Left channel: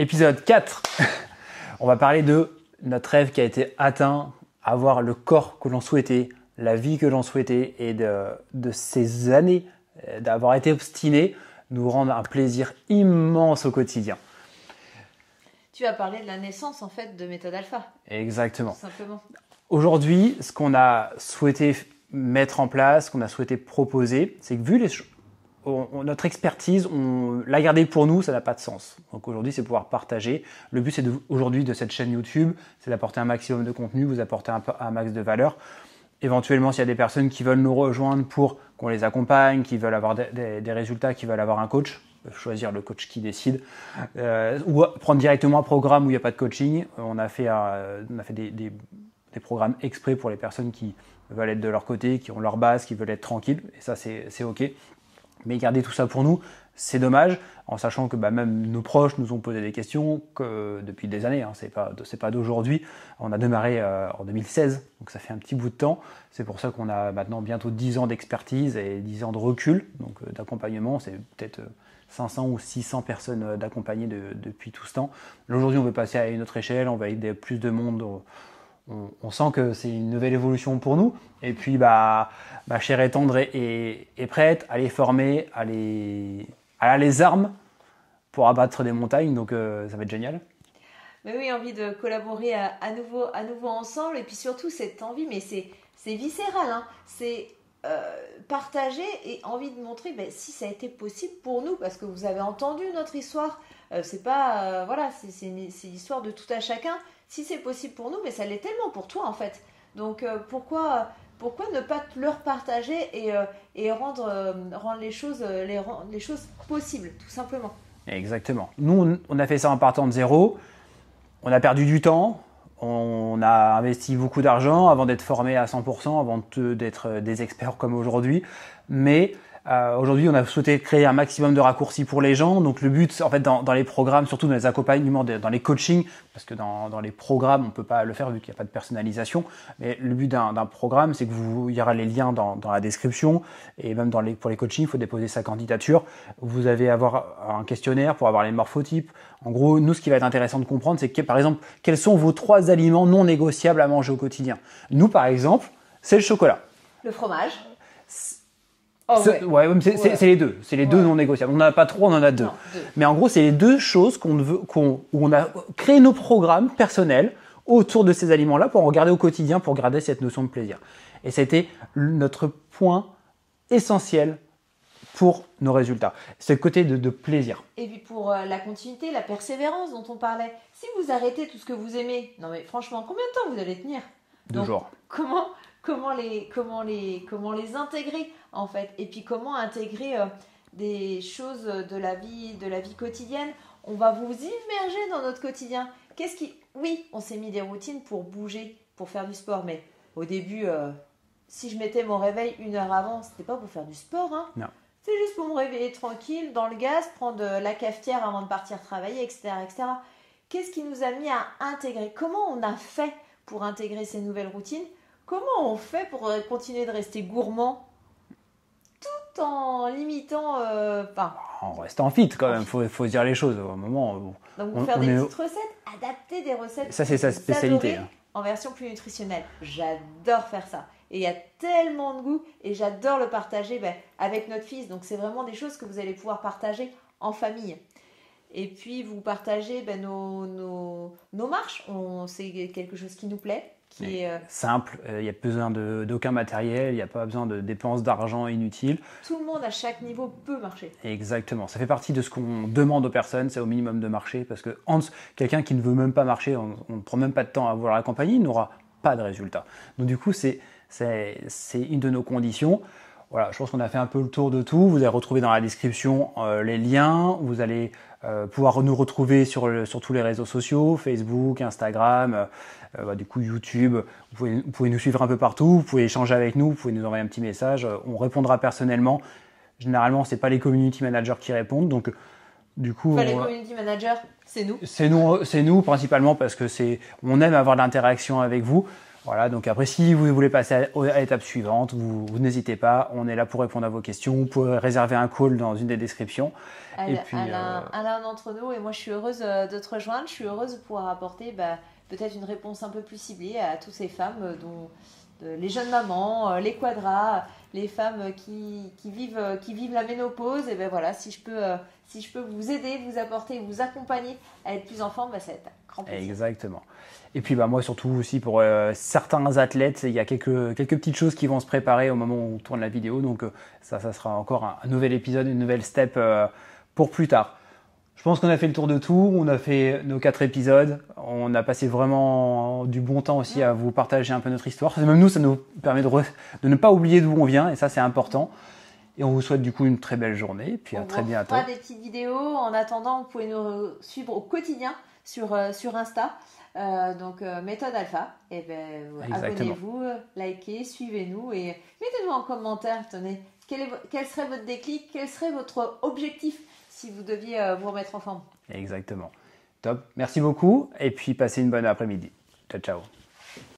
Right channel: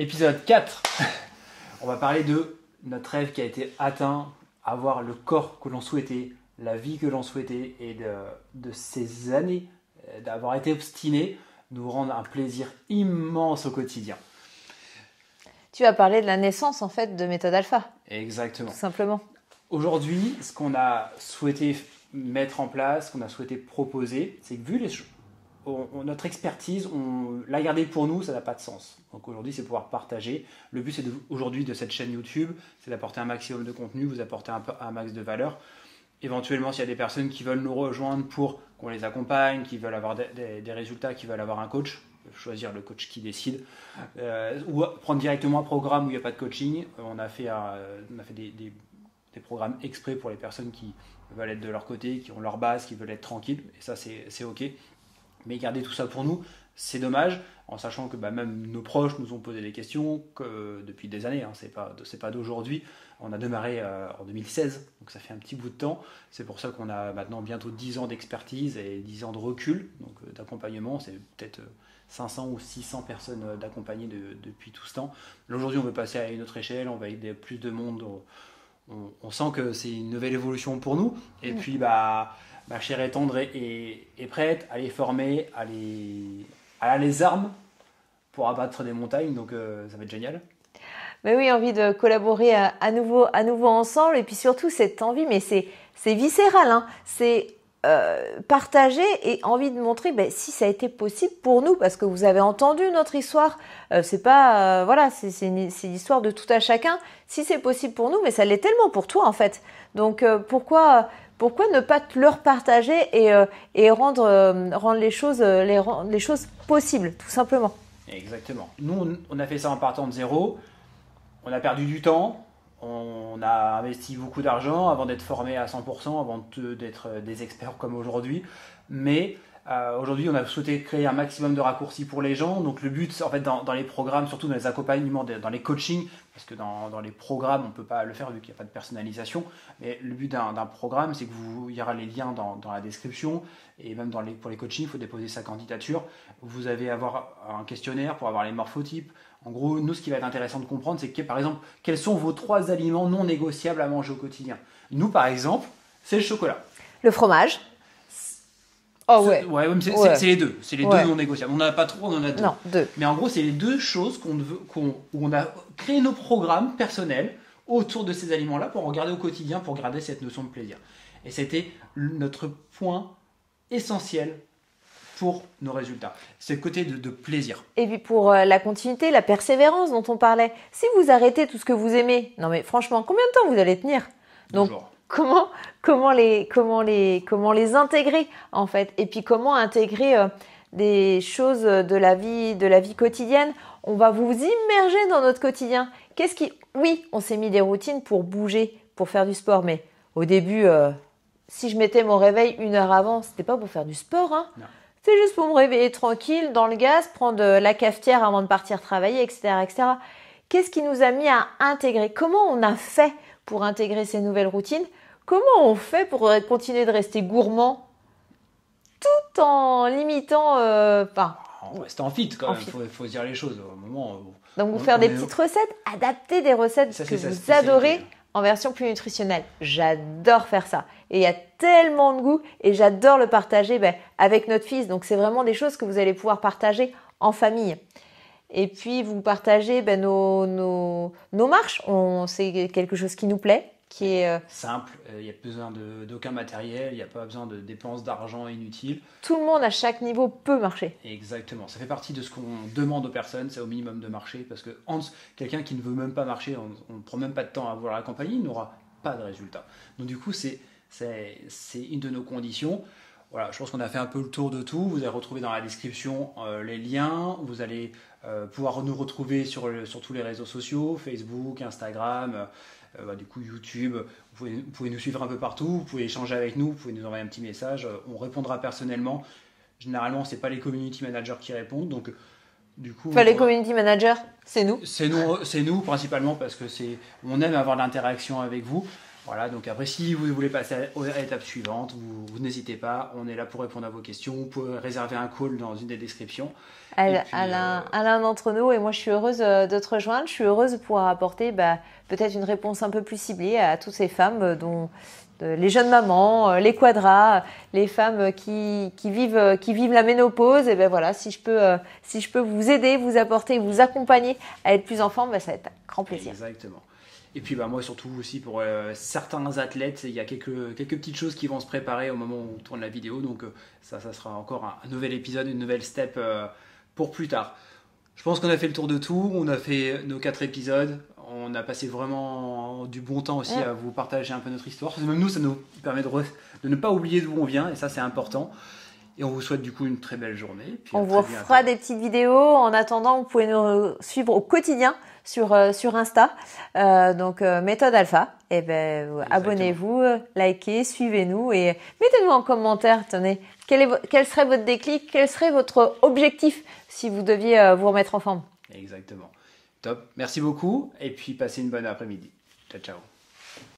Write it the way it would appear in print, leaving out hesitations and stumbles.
Épisode 4. On va parler de notre rêve qui a été atteint, avoir le corps que l'on souhaitait, la vie que l'on souhaitait et de ces années d'avoir été obstiné nous rendre un plaisir immense au quotidien. Tu vas parler de la naissance en fait de Méthode Alpha. Exactement. Tout simplement. Aujourd'hui, ce qu'on a souhaité mettre en place, ce qu'on a souhaité proposer, c'est que vu notre expertise, on l'a gardée pour nous, ça n'a pas de sens. Donc aujourd'hui, c'est pouvoir partager. Le but, aujourd'hui de cette chaîne YouTube, c'est d'apporter un maximum de contenu, vous apporter un max de valeur. Éventuellement, s'il y a des personnes qui veulent nous rejoindre pour qu'on les accompagne, qui veulent avoir des résultats, qui veulent avoir un coach, choisir le coach qui décide, ou prendre directement un programme où il n'y a pas de coaching. On a fait des programmes exprès pour les personnes qui veulent être de leur côté, qui ont leur base, qui veulent être tranquilles. Et ça, c'est OK. Mais garder tout ça pour nous, c'est dommage, en sachant que même nos proches nous ont posé des questions depuis des années. Hein, c'est pas d'aujourd'hui. On a démarré en 2016, donc ça fait un petit bout de temps. C'est pour ça qu'on a maintenant bientôt 10 ans d'expertise et 10 ans de recul, donc d'accompagnement. C'est peut-être 500 ou 600 personnes d'accompagner depuis tout ce temps. Aujourd'hui, on veut passer à une autre échelle, on va aider plus de monde. On sent que c'est une nouvelle évolution pour nous. Et puis, Chère et Tendre est prête à les former, elle a les armes pour abattre des montagnes. Donc, ça va être génial. Mais oui, envie de collaborer à nouveau ensemble. Et puis surtout, cette envie, mais c'est viscéral. Hein. C'est partager et envie de montrer si ça a été possible pour nous. Parce que vous avez entendu notre histoire. C'est pas, c'est l'histoire de tout à chacun. Si c'est possible pour nous, mais ça l'est tellement pour toi en fait. Donc, pourquoi ne pas leur partager et rendre les choses possibles, tout simplement. Exactement. Nous, on a fait ça en partant de zéro. On a perdu du temps. On a investi beaucoup d'argent avant d'être formé à 100%, avant d'être des experts comme aujourd'hui. Mais aujourd'hui, on a souhaité créer un maximum de raccourcis pour les gens. Donc le but, en fait, dans les programmes, surtout dans les accompagnements, dans les coachings, parce que dans les programmes, on ne peut pas le faire vu qu'il n'y a pas de personnalisation. Mais le but d'un programme, c'est il y aura les liens dans la description. Et même pour les coachings, il faut déposer sa candidature. Vous allez avoir un questionnaire pour avoir les morphotypes. En gros, nous, ce qui va être intéressant de comprendre, c'est que, par exemple, quels sont vos 3 aliments non négociables à manger au quotidien. Nous, par exemple, c'est le chocolat. Le fromage. C'est les deux. C'est les deux non négociables. On n'en a pas 3, on en a 2. Non, 2. Mais en gros, c'est les 2 choses où on a créé nos programmes personnels autour de ces aliments-là pour en regarder au quotidien, pour garder cette notion de plaisir. Et ça a été notre point essentiel pour nos résultats. C'est le côté de plaisir. Et puis pour la continuité, la persévérance dont on parlait. Si vous arrêtez tout ce que vous aimez, non mais franchement, combien de temps vous allez tenir ? Donc, comment les intégrer en fait ? Et puis comment intégrer des choses de la vie quotidienne ? On va vous immerger dans notre quotidien. Oui, on s'est mis des routines pour bouger, pour faire du sport, mais au début, si je mettais mon réveil 1 heure avant, c'était pas pour faire du sport, hein. Non. C'est juste pour me réveiller tranquille dans le gaz, prendre la cafetière avant de partir travailler, etc., etc. Qu'est-ce qui nous a mis à intégrer ? Comment on a fait pour intégrer ces nouvelles routines ? Comment on fait pour continuer de rester gourmand tout en limitant... On reste en fit quand même, il faut se dire les choses. Au moment où donc, vous faire des petites recettes, adapter des recettes ça, que vous adorez en version plus nutritionnelle. J'adore faire ça. Et il y a tellement de goût et j'adore le partager avec notre fils. Donc, c'est vraiment des choses que vous allez pouvoir partager en famille. Et puis, vous partagez nos marches. C'est quelque chose qui nous plaît, qui est simple. Il n'y a besoin d'aucun matériel. Il n'y a pas besoin de dépenses d'argent inutiles. Tout le monde, à chaque niveau, peut marcher. Exactement. Ça fait partie de ce qu'on demande aux personnes. C'est au minimum de marcher. Parce que quelqu'un qui ne veut même pas marcher, on ne prend même pas de temps à vouloir l'accompagner, il n'aura pas de résultat. Donc, du coup, c'est une de nos conditions. Voilà, je pense qu'on a fait un peu le tour de tout. Vous allez retrouver dans la description les liens. Vous allez pouvoir nous retrouver sur tous les réseaux sociaux, Facebook, Instagram, du coup YouTube. Vous pouvez nous suivre un peu partout. Vous pouvez échanger avec nous. Vous pouvez nous envoyer un petit message. On répondra personnellement. Généralement, ce n'est pas les community managers qui répondent. Donc, du coup, les community managers, c'est nous. C'est nous principalement parce que on aime avoir de l'interaction avec vous. Voilà, donc après, si vous voulez passer à l'étape suivante, vous n'hésitez pas. On est là pour répondre à vos questions. Vous pouvez réserver un call dans une des descriptions. à l'un d'entre nous. Et moi, je suis heureuse de te rejoindre. Je suis heureuse de pouvoir apporter peut-être une réponse un peu plus ciblée à toutes ces femmes dont les jeunes mamans, les quadras, les femmes qui vivent la ménopause. Et ben voilà, si je peux vous aider, vous apporter, vous accompagner à être plus en forme, ça va être un grand plaisir. Exactement. Et puis moi surtout aussi pour certains athlètes, il y a quelques petites choses qui vont se préparer au moment où on tourne la vidéo. Donc ça sera encore un nouvel épisode, une nouvelle step pour plus tard. Je pense qu'on a fait le tour de tout, on a fait nos 4 épisodes, on a passé vraiment du bon temps aussi à vous partager un peu notre histoire. Même nous, ça nous permet de ne pas oublier d'où on vient et ça c'est important. Et on vous souhaite du coup une très belle journée. Puis on vous fera des petites vidéos. En attendant, vous pouvez nous suivre au quotidien sur Insta, donc Méthode Alpha. Et abonnez-vous, likez, suivez-nous et mettez-nous en commentaire. Tenez, quel serait votre déclic, quel serait votre objectif si vous deviez vous remettre en forme. Exactement. Top. Merci beaucoup et puis passez une bonne après-midi. Ciao, ciao.